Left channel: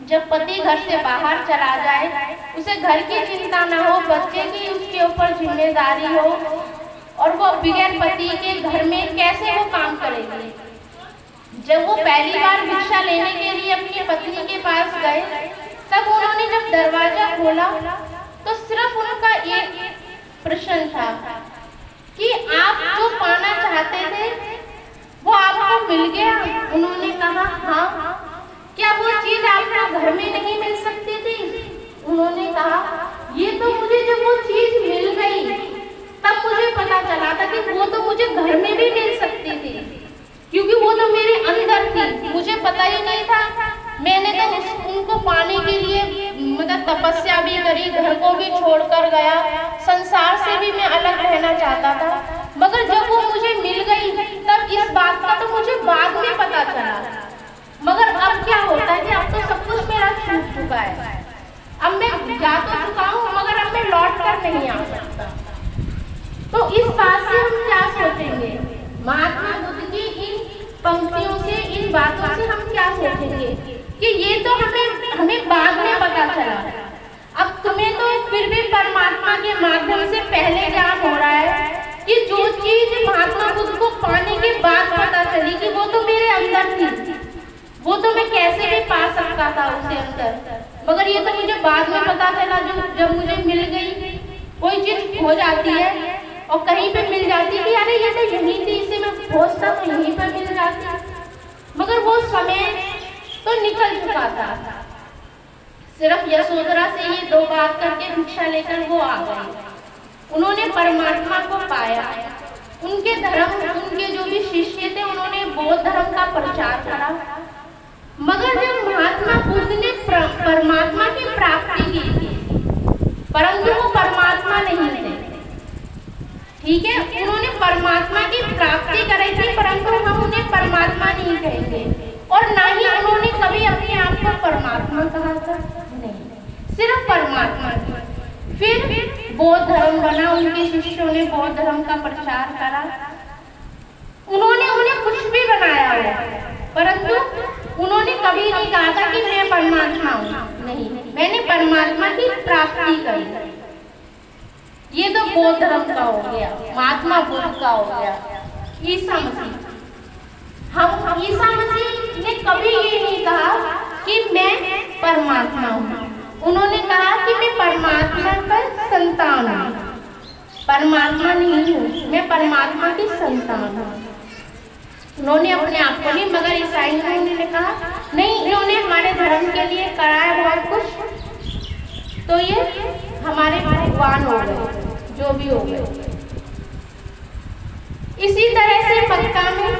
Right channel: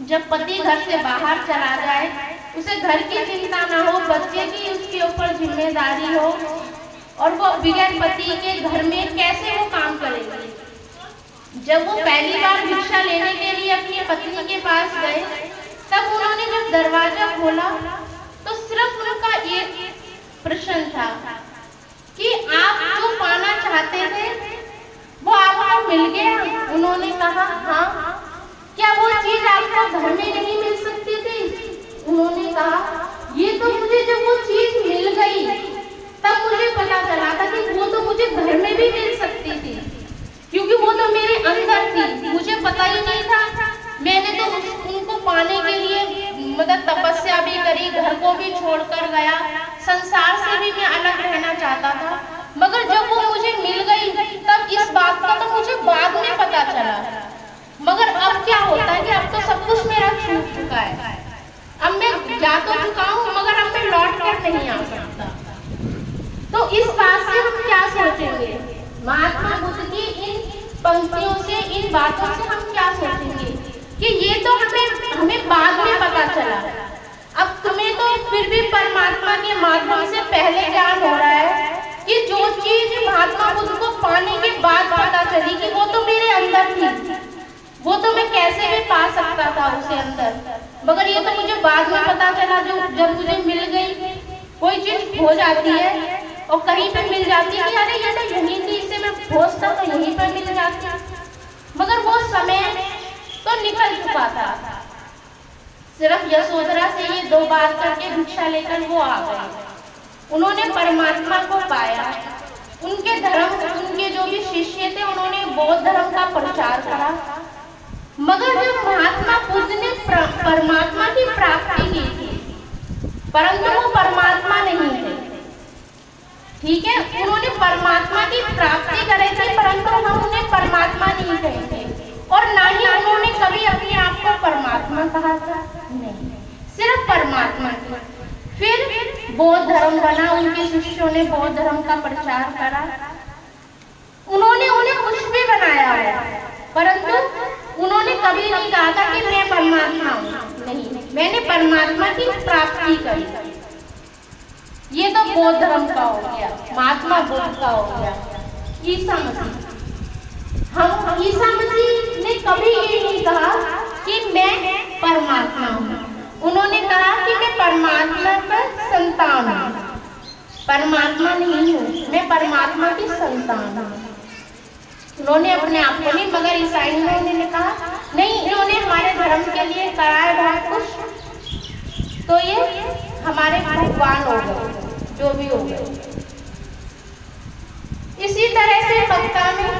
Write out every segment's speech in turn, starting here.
जब पति घर से बाहर चला जाए, उसे घर की चिंता न हो, बच्चे की उसके ऊपर जिम्मेदारी हो, और वो बगैर पति के घर में कैसे वो काम करेगी। जब वो पहली बार भिक्षा लेने के लिए अपनी पत्नी के पास गए, तब उन्होंने जब दरवाजा खोला तो सिर्फ उनका एक प्रश्न था कि आप जो पाना चाहते थे वो आपको मिल गया। उन्होंने कहा हाँ। क्या वो चीज आपको घर में नहीं मिल सकती थी? उन्होंने कहा ये तो मुझे जब वो चीज मिल गई तब मुझे पता चला था कि वो तो मुझे घर में भी मिल सकती थी, क्योंकि वो तो मेरे अंदर थी, मुझे पता ही नहीं था। मैंने तो उनको पाने के लिए मतलब तपस्या भी करी, घर को भी छोड़कर गया, संसार से भी मैं अलग रहना चाहता था, मगर जब वो मुझे मिल गई तब इस बात का तो मुझे बाद में पता चला। मगर अब क्या होता है कि अब तो सब कुछ मेरा छूट चुका है, अब मैं जा तो चुका हूँ मगर अब मैं लौट कर नहीं आ सकता। तो इस बात से हम क्या सोचेंगे? महात्मा बुद्ध की इन पंक्तियों से, इन बातों से हम क्या सोचेंगे कि ये तो हमें बाद में पता चला। अब तुम्हें तो फिर भी परमात्मा के माध्यम से पहले ज्ञान हो रहा है कि जो चीज महात्मा बुद्ध को पाने के बाद पता चली कि वो तो मेरे अंदर थी, वो तो मैं कैसे भी पा सकता था उसे अंदर, मगर ये तो मुझे बाद में पता चला। जब मुझे मिल गई, कोई चीज हो जाती है और कहीं पे मिल जाती है कि अरे ये तो यहीं थी, इसे मैं खोजता तो यहीं पे मिल जाती, मगर वो समय तो निकल चुका था। सिर्फ यशोधरा से ये दो बात करके भिक्षा लेकर वो आ गए। उन्होंने परमात्मा को पाया। उनके धर्म, उनके जो भी शिष्य थे उन्होंने बौद्ध धर्म का प्रचार करा, मगर जब महात्मा बुद्ध ने परमात्मा की प्राप्ति की थी, परंतु वो परमात्मा नहीं थे, ठीक है, उन्होंने परमात्मा की प्राप्ति करी थी, परंतु हम उन्हें परमात्मा नहीं कहेंगे, और ना ही उन्होंने कभी अपने आप को परमात्मा कहा था, नहीं, सिर्फ परमात्मा था। फिर बौद्ध धर्म बना, उनके शिष्यों ने बौद्ध धर्म का प्रचार करा, उन्होंने उन्हें कुछ भी बनाया हो, परंतु उन्होंने कभी नहीं कहा था कि मैं परमात्मा हूँ, नहीं, मैंने परमात्मा की प्राप्ति करी। ये तो बौद्ध धर्म का हो गया, महात्मा बुद्ध का हो गया। ईसा मसीह, हम ईसा मसीह ने कभी ये नहीं कहा कि मैं परमात्मा हूँ, उन्होंने कहा कि मैं परमात्मा का संतान हूँ, परमात्मा नहीं हूँ, मैं परमात्मा की संतान हूँ। उन्होंने अपने आप को नहीं, मगर ईसाइयों ने कहा नहीं, इन्होंने हमारे धर्म के लिए कराया बहुत कुछ, तो ये हमारे भगवान हो गए, जो भी हो गए। इसी तरह से मक्का में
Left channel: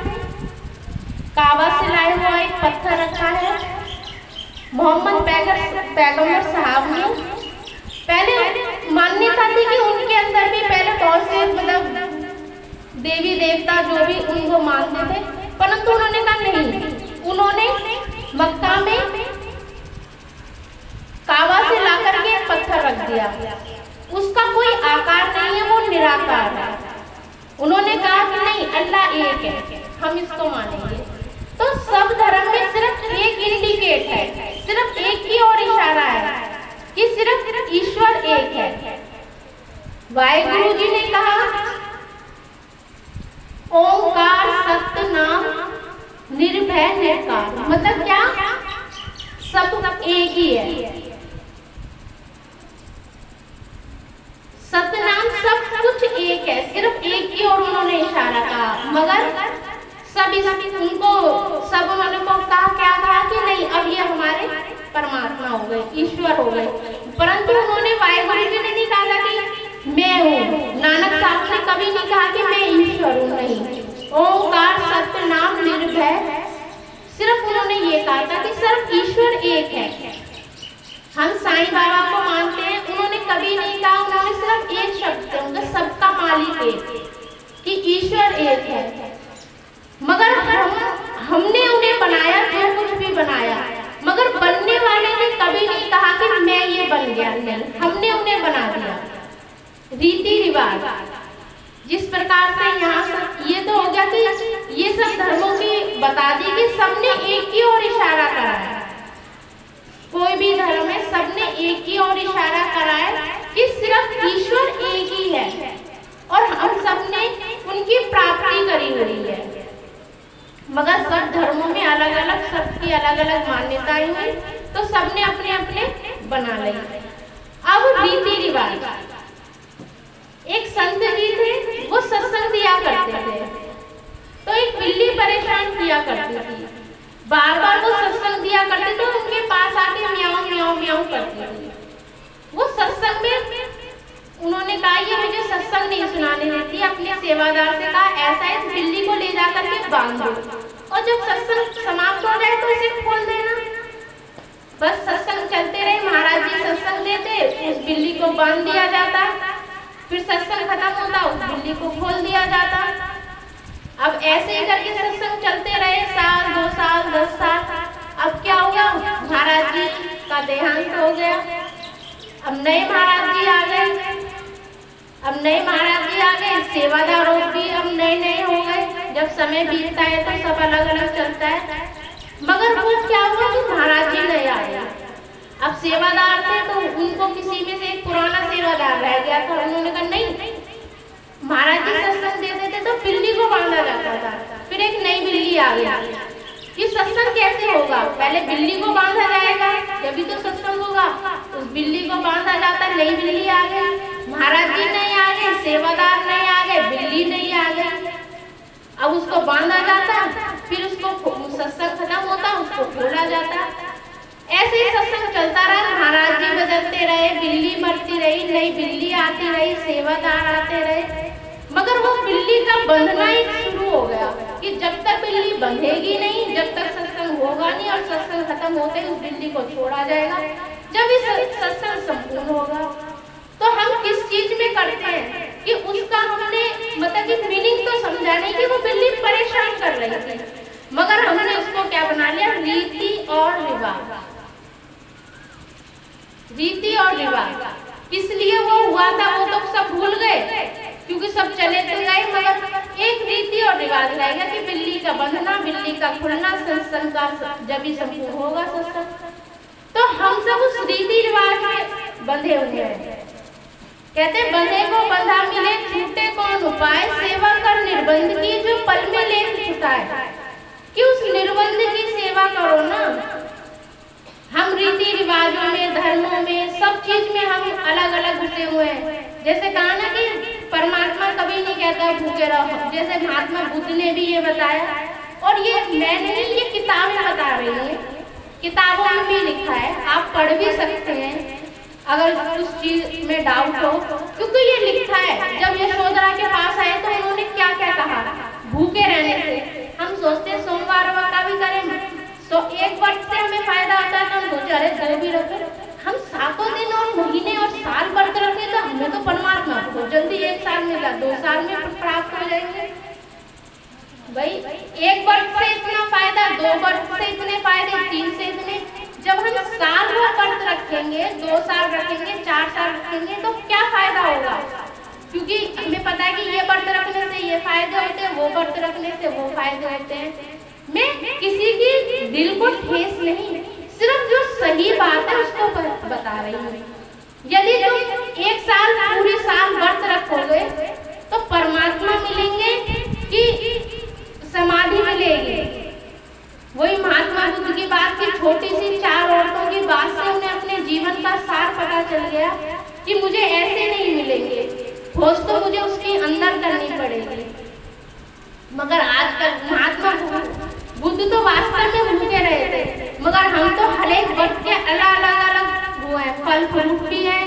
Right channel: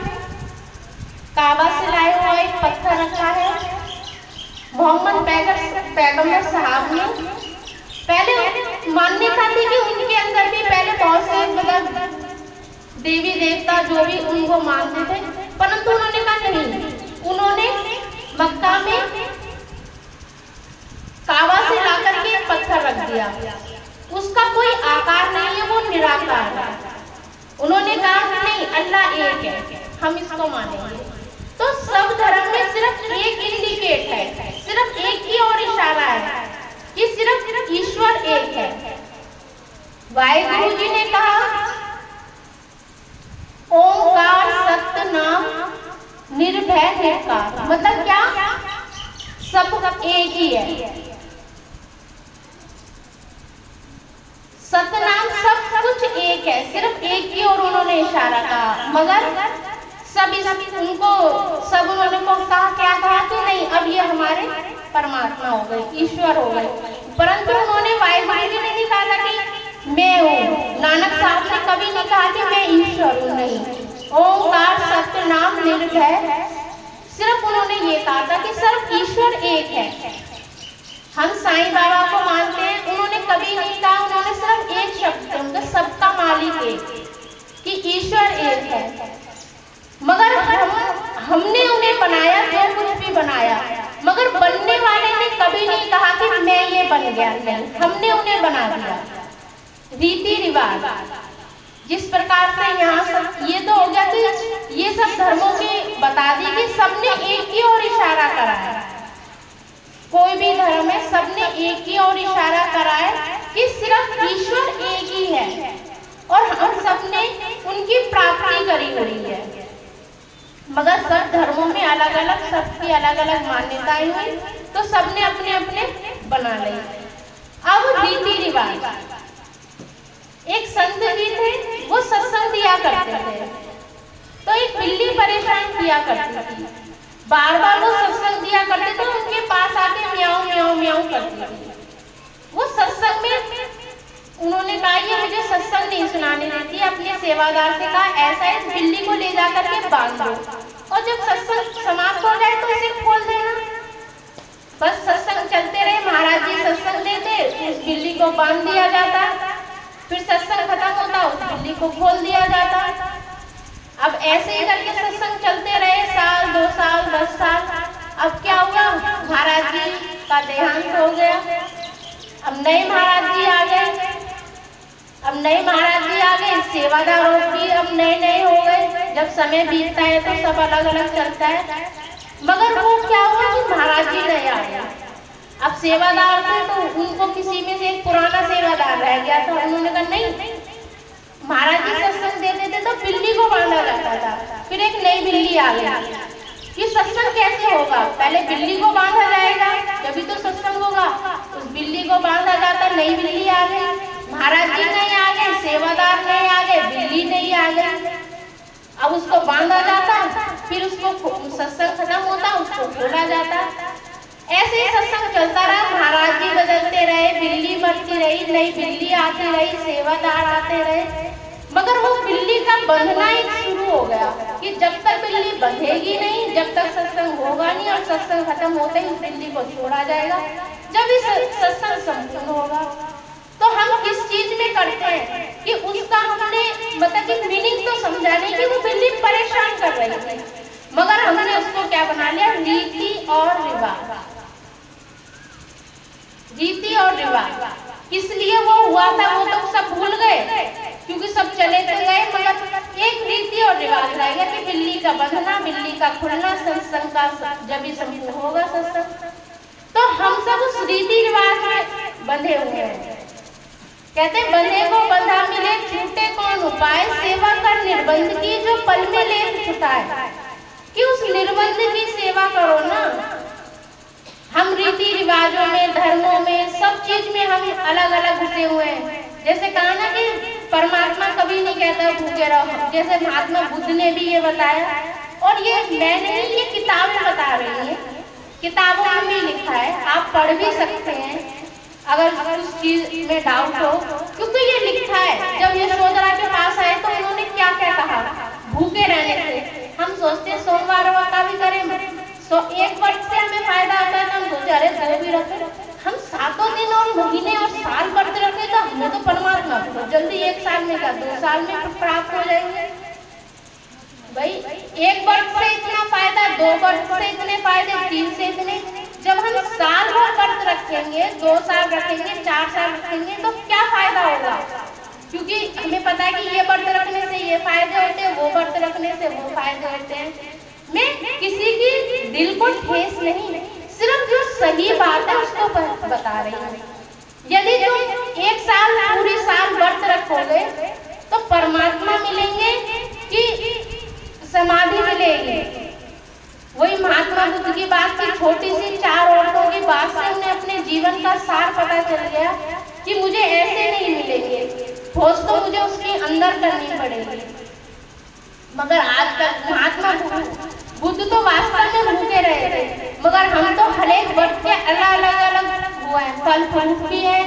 काबा से लाया हुआ एक पत्थर रखा है। मोहम्मद पैगंबर साहब ने पहले मान्यता थी कि उनके अंदर भी पहले बहुत से मतलब देवी देवता जो भी उनको मानते थे, परंतु उन्होंने कहा नहीं, उन्होंने मक्का में काबा से लाकर के एक पत्थर रख दिया, उसका कोई आकार नहीं है, वो निराकार है। उन्होंने कहा कि नहीं, अल्लाह एक है, हम इसको मानेंगे। तो सब धर्म में सिर्फ एक इंडिकेट है, सिर्फ एक की ओर इशारा है कि सिर्फ ईश्वर एक है। वाहिगुरु जी ने कहा ओंकार सत्य नाम निर्भय निर्कार, मतलब क्या, सब एक ही है, सतनाम सब कुछ एक है, सिर्फ एक की ओर उन्होंने इशारा कहा, मगर सभी उनको सब उन्होंने कहा, क्या कहा कि नहीं, अब ये हमारे परमात्मा हो गए, ईश्वर हो गए, परंतु उन्होंने वाहिगुरु जी ने नहीं कहा कि मैं हूँ, नानक साहब ने कभी नहीं कहा कि मैं ईश्वर हूँ, नहीं, ओंकार सत्य नाम निर्भय, सिर्फ उन्होंने ये कहा था कि सिर्फ ईश्वर एक है। हम साईं बाबा को मानते हैं, उन्होंने कभी नहीं कहा, उन्होंने सिर्फ एक शब्द, उनका सबका मालिक एक, कि ईश्वर एक है, मगर हमने उन्हें बनाया, जो कुछ भी बनाया, मगर बनने वाले ने कभी नहीं कहा कि मैं ये बन गया, नहीं, हमने उन्हें बना दिया। रीति रिवाज जिस प्रकार से यहाँ ये तो हो गया कि ये सब धर्मों की बता दी कि सबने एक की ओर इशारा करा है, एक ही और इशारा कराए कि सिर्फ ईश्वर एक ही है और हम सब ने उनकी प्राप्ति करी हुई है। मगर सब धर्मों में अलग अलग, सबकी अलग अलग मान्यताएं हुई, तो सबने अपने अपने बना ली। अब रीति रिवाज, एक संत जी थे, वो सत्संग दिया करते थे, तो एक बिल्ली परेशान किया करती थी। बार बार वो सत्संग दिया करते तो उनके पास आके म्याऊं म्याऊं म्याऊं करती थी। वो सत्संग में उन्होंने कहा ये मुझे सत्संग नहीं सुनाने देती, अपने सेवादार से कहा ऐसा इस बिल्ली को ले जा करके बांध दो और जब सत्संग समाप्त हो जाए तो इसे खोल देना। बस सत्संग चलते रहे, महाराज जी सत्संग देते, उस बिल्ली को बांध दिया जाता, फिर सत्संग खत्म होता, उस बिल्ली को खोल दिया जाता। अब ऐसे ही करके सत्संग चलते रहे, साल 2 साल 10 साल। अब क्या हुआ, महाराज जी का देहांत हो गया। अब नए महाराज जी आ गए, सेवादारों की अब नए हो गए। जब समय बीतता है तो सब अलग अलग चलता है। मगर वो क्या हुआ कि महाराज जी नहीं आए। अब सेवादार थे तो उनको किसी में से एक पुराना सेवादार रह गया था। उन्होंने कहा नहीं, महाराज जी सत्संग दे देते तो बिल्ली को बांधा जाता था, फिर एक नई बिल्ली आ गई। ये सत्संग कैसे होगा, पहले बिल्ली को बांधा जाएगा तभी तो सत्संग होगा। उस बिल्ली को बांधा जाता, नई बिल्ली आ गई, महाराज जी नहीं आ गए, सेवादार नहीं आ गए, बिल्ली नहीं आ गई। अब उसको बांधा जाता, फिर उसको सत्संग खत्म होता, उसको खोला जाता। ऐसे ही सत्संग चलता रहा, महाराज जी बदलते रहे, बिल्ली मरती रही, नई बिल्ली आती रही, सेवादार आते रहे। मगर वो बिल्ली का बंधना ही शुरू हो गया कि जब तक बिल्ली बंधेगी नहीं, जब तक सत्संग होगा नहीं, और सत्संग खत्म होते ही उस बिल्ली को छोड़ा जाएगा जब इस सत्संग संपूर्ण होगा। तो हम किस चीज में करते हैं कि उसका हमने मतलब कि मीनिंग तो समझा नहीं कि वो बिल्ली परेशान कर रही थी, मगर हमने उसको क्या बना लिया, रीति और रिवाज। रीति और रिवाज इसलिए वो हुआ था, वो तो सब भूल गए क्योंकि सब चले तो गए, मगर एक रीति और रिवाज रहेगा कि बिल्ली का बंधना, बिल्ली का खुलना, सत्संग का जब ही संपूर्ण होगा सत्संग। तो हम सब उस रीति रिवाज में बंधे हुए हैं। कहते बंधे को बंधा मिले, छूटे कौन उपाय, सेवा कर निर्बंध की जो पल में ले छुटाए। कि उस निर्बंध की सेवा करो ना। हम रीति रिवाजों में, धर्मों में, सब चीज में हम अलग अलग घुसे हुए हैं। जैसे कहा ना कि परमात्मा कभी नहीं कहता भूखे रहो, जैसे महात्मा बुद्ध ने भी ये बताया, और ये मैं नहीं, ये किताब में बता रही है, किताबों में भी लिखा है, आप पढ़ भी सकते हैं अगर उस चीज में डाउट हो, क्योंकि ये लिखा है। जब यशोदा के पास आए तो उन्होंने क्या क्या कहा, भूखे रहने से। हम सोचते सोमवार का भी करेंगे तो एक वर्ष से हमें फायदा होता है, तो हम सोचे अरे 2 भी रखो। हम 7 दिन और महीने और साल व्रत रखे तो हमें तो परमात्मा को जल्दी 1 साल मिला, 2 साल में प्राप्त हो जाएंगे। भाई 1 वर्ष से इतना फायदा, 2 वर्ष से इतने फायदे, 3 से इतने। जब हम साल भर व्रत रखेंगे, 2 साल रखेंगे, 4 साल रखेंगे तो क्या फायदा होगा, क्योंकि हमें पता है कि ये व्रत रखने से ये फायदे होते हैं, वो व्रत रखने से वो फायदे होते हैं। मैं किसी की दिल को ठेस नहीं, सिर्फ जो सही बात है उसको बता रही हूँ। यदि तुम 1 साल पूरी साल व्रत रखोगे तो परमात्मा मिलेंगे कि समाधि मिलेगी। वही महात्मा बुद्ध की बात की, छोटी सी 4 औरतों की बात से उन्हें अपने जीवन का सार पता चल गया कि मुझे ऐसे नहीं मिलेंगे, खोज तो मुझे उसके अंदर करनी पड़ेगी। मगर आज तक महात्मा बुद्ध तो वास्तव में भूखे रहे थे, मगर हम तो हर एक वर्ग के अलग वो है, फल फ्रूट भी है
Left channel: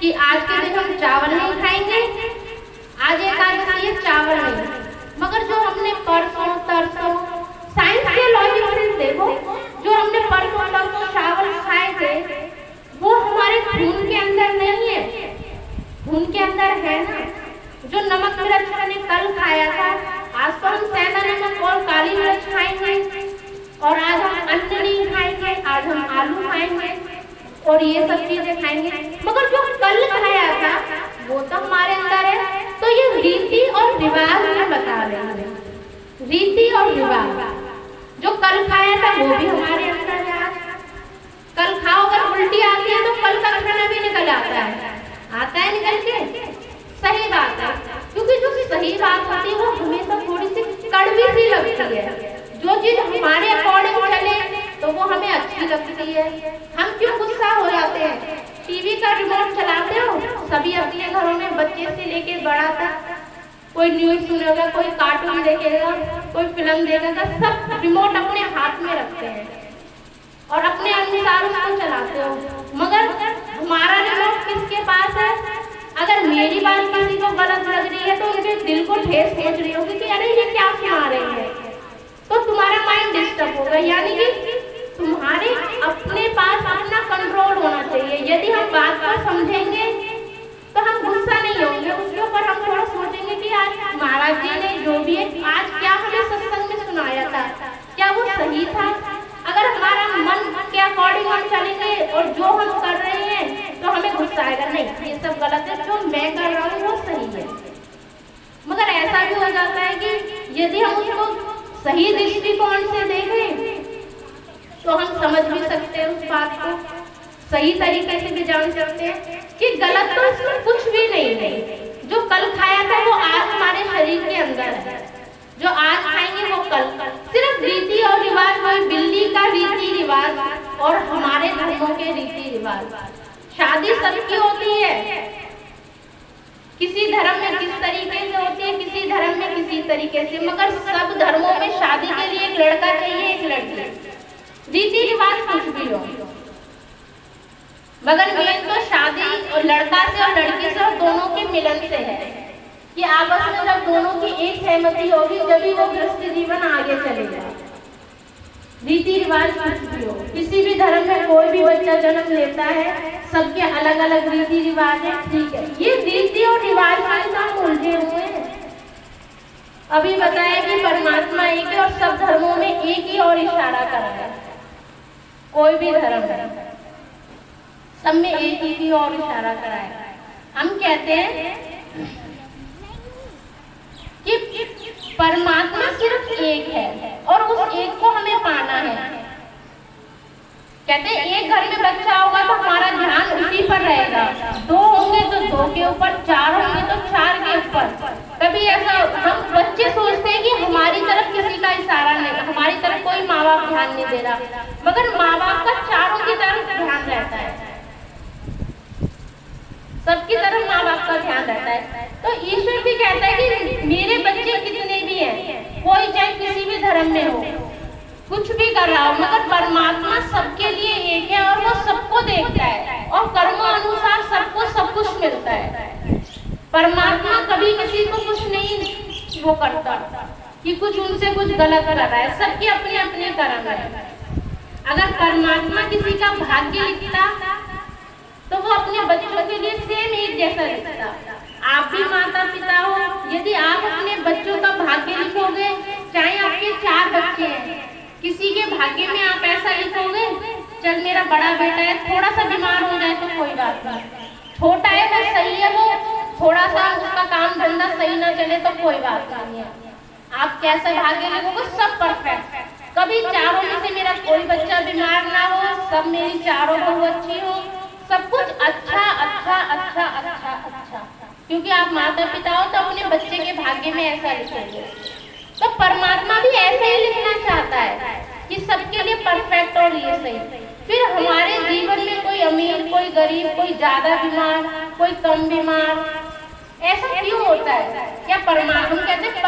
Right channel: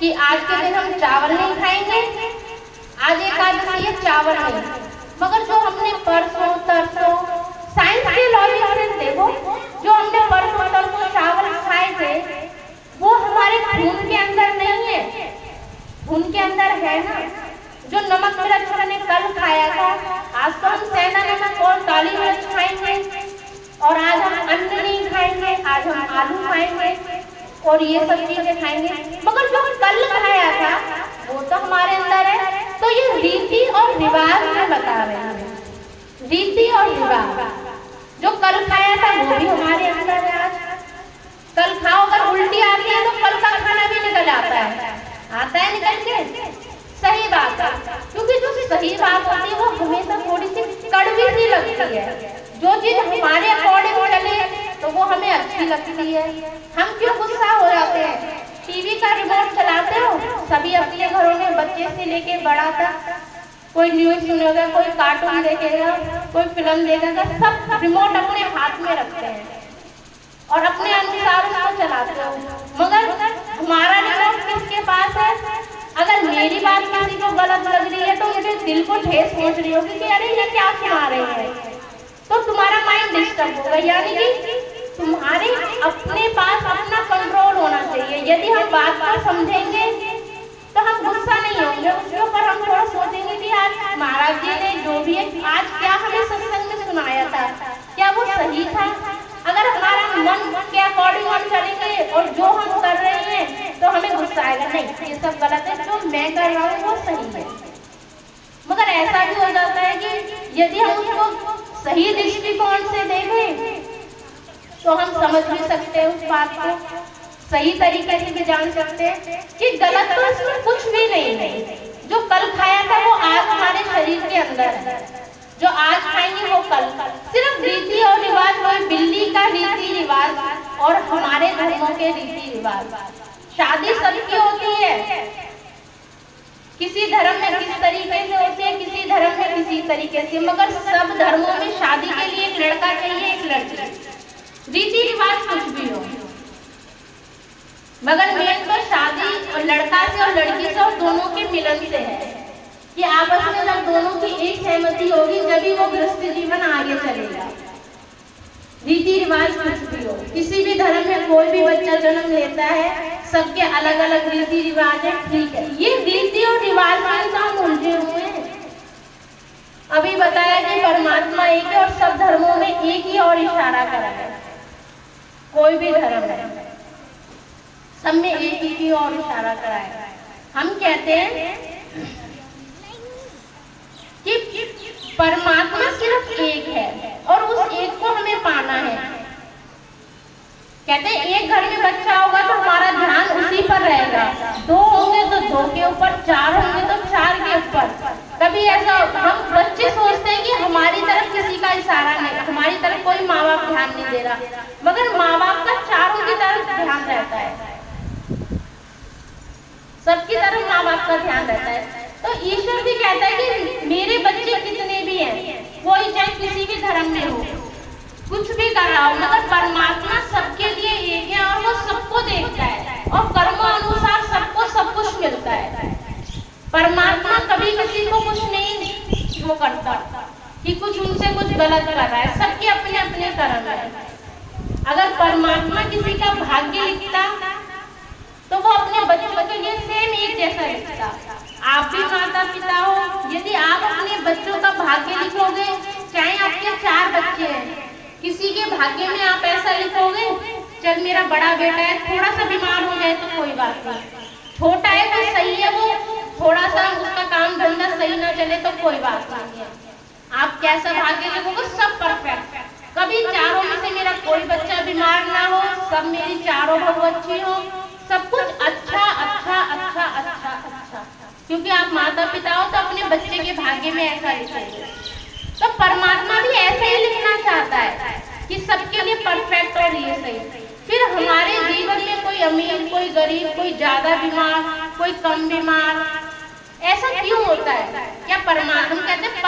कि आज के दिन हम चावल नहीं खाएंगे, आज एकादशी है चावल नहीं। मगर जो हमने परसों तरसों साइंस के लॉजिक से देखो, जो हमने परसों तरसों चावल खाए थे वो हमारे खून के अंदर नहीं है, खून के अंदर है ना। जो नमक मिर्च मैंने कल खाया था, आज तो हम सेंधा नमक और काली मिर्च खाएंगे, और आज हम अन्न नहीं खाएंगे, आज हम आलू खाएंगे और ये सब चीजें खाएंगे। मगर जो कल खाया था वो तो हमारे अंदर है। तो ये रीति और रिवाज में बता रहे हैं, रीति और रिवाज जो कल खाया था वो भी हमारे अंदर है। आज कल खाओ, अगर उल्टी आती है तो कल का है। हम क्यों गुस्सा हो जाते हैं? टीवी का रिमोट चलाते हो, सभी अपने घरों में बच्चे से लेके बड़ा तक कोई न्यूज सुनेगा, कोई कार्टून देखेगा, कोई फिल्म देखेगा, सब रिमोट अपने हाथ में रखते हैं और अपने अनुसार उसको चलाते हो। मगर हमारा रिमोट किसके पास है? अगर मेरी बात किसी को गलत लग रही है तो उनके दिल को ठेस पहुंच रही होगी कि अरे ये क्या सुना रहे हैं, तो तुम्हारा माइंड डिस्टर्ब होगा। यानी कि तुम्हारे अपने पास अपना कंट्रोल होना चाहिए। यदि हम बात को समझेंगे तो हम गुस्सा नहीं होंगे, उसके ऊपर हम थोड़ा सोचेंगे कि आज महाराज जी ने जो भी आज क्या हमें सत्संग में सुनाया था, क्या वो सही था? अगर हमारा मन के अकॉर्डिंग हम चलेंगे और जो हम कर रहे हैं तो हमें गुस्सा आएगा, नहीं ये सब गलत है, जो मैं कर रहा हूँ वो सही है। मगर ऐसा भी हो जाता है कि यदि हम उसको सही दृष्टिकोण से देखें तो हम समझ भी सकते हैं उस बात को, सही तरीके से भी जान सकते हैं कि गलत तो इसमें कुछ भी नहीं है। जो कल खाया था वो आज हमारे शरीर के अंदर है, जो आज खाएंगे वो कल। सिर्फ रीति और रिवाज, वही बिल्ली का रीति रिवाज और हमारे धर्मों के रीति रिवाज। शादी सबकी होती है, किसी धर्म में किस तरीके से होती है, किसी धर्म में किसी तरीके से, मगर सब धर्मों में शादी के लिए एक लड़का चाहिए, एक लड़की। रीति रिवाज कुछ भी हो, मगर मेन तो शादी लड़का से और लड़की से और दोनों के मिलन से है कि आपस में जब दोनों की एक सहमति होगी जब वो गृहस्थ जीवन आगे चलेगा। रीति रिवाज कुछ भी हो, किसी भी धर्म में कोई भी बच्चा जन्म लेता है, सबके अलग अलग रीति रिवाज है, ठीक है। ये रीति और रिवाज में काम उलझे हुए हैं। अभी बताया कि परमात्मा एक है और सब धर्मों में एक ही और इशारा करा है। कोई भी धर्म है, सब में एक ही और इशारा करा है। हम कहते हैं कि परमात्मा सिर्फ एक है और उस एक को हमें पाना है। कहते हैं एक घर में बच्चा होगा तो हमारा ध्यान उसी पर रहेगा, दो होंगे तो दो के ऊपर, चार होंगे तो चार के ऊपर। कभी ऐसा हम बच्चे सोचते हैं कि हमारी तरफ किसी का इशारा नहीं, हमारी तरफ कोई माँ बाप ध्यान नहीं दे रहा, मगर माँ बाप का चारों की तरफ ध्यान रहता है, सबकी तरफ माँ बाप का ध्यान रहता है। तो ईश्वर भी कहता है कि मेरे बच्चे कितने भी हैं, कोई चाहे किसी भी धर्म में हो, कुछ भी कर रहा हो, मगर परमात्मा सबके लिए एक है और वो सबको देखता है और कर्मों अनुसार सबको सब कुछ मिलता है। परमात्मा कभी किसी को कुछ नहीं वो करता कि कुछ उनसे कुछ गलत कर रहा है, सबके अपने अपने कर्म है। अगर परमात्मा किसी का भाग्य लिखता तो वो अपने बच्चों के लिए सेम एक जैसा लिखता। आप भी माता पिता हो, यदि आप अपने बच्चों का भाग्य लिखोगे, चाहे आपके 4 बच्चे हैं, किसी के भाग्य में आप ऐसा लिखोगे, चल मेरा बड़ा बेटा है, थोड़ा सा बीमार हो जाए तो कोई बात नहीं, छोटा है वो सही है, वो थोड़ा सा उसका काम धंधा सही ना चले तो कोई बात नहीं है। आप कैसा भाग्य लिखोगे, सब परफेक्ट, कभी चारों में से मेरा कोई बच्चा बीमार ना हो, सब मेरी चारों बहू अच्छी हो, सब कुछ अच्छा अच्छा अच्छा अच्छा अच्छा, क्योंकि आप माता पिता हो तो अपने बच्चे के भाग्य में ऐसा लिखेंगे। तो परमात्मा भी ऐसे ही लिखना चाहता है कि सबके लिए परफेक्ट और ये सही। फिर हमारे जीवन में कोई अमीर, कोई गरीब, कोई ज्यादा बीमार, कोई कम बीमार, ऐसा क्यों होता है? क्या परमात्मा कहते हैं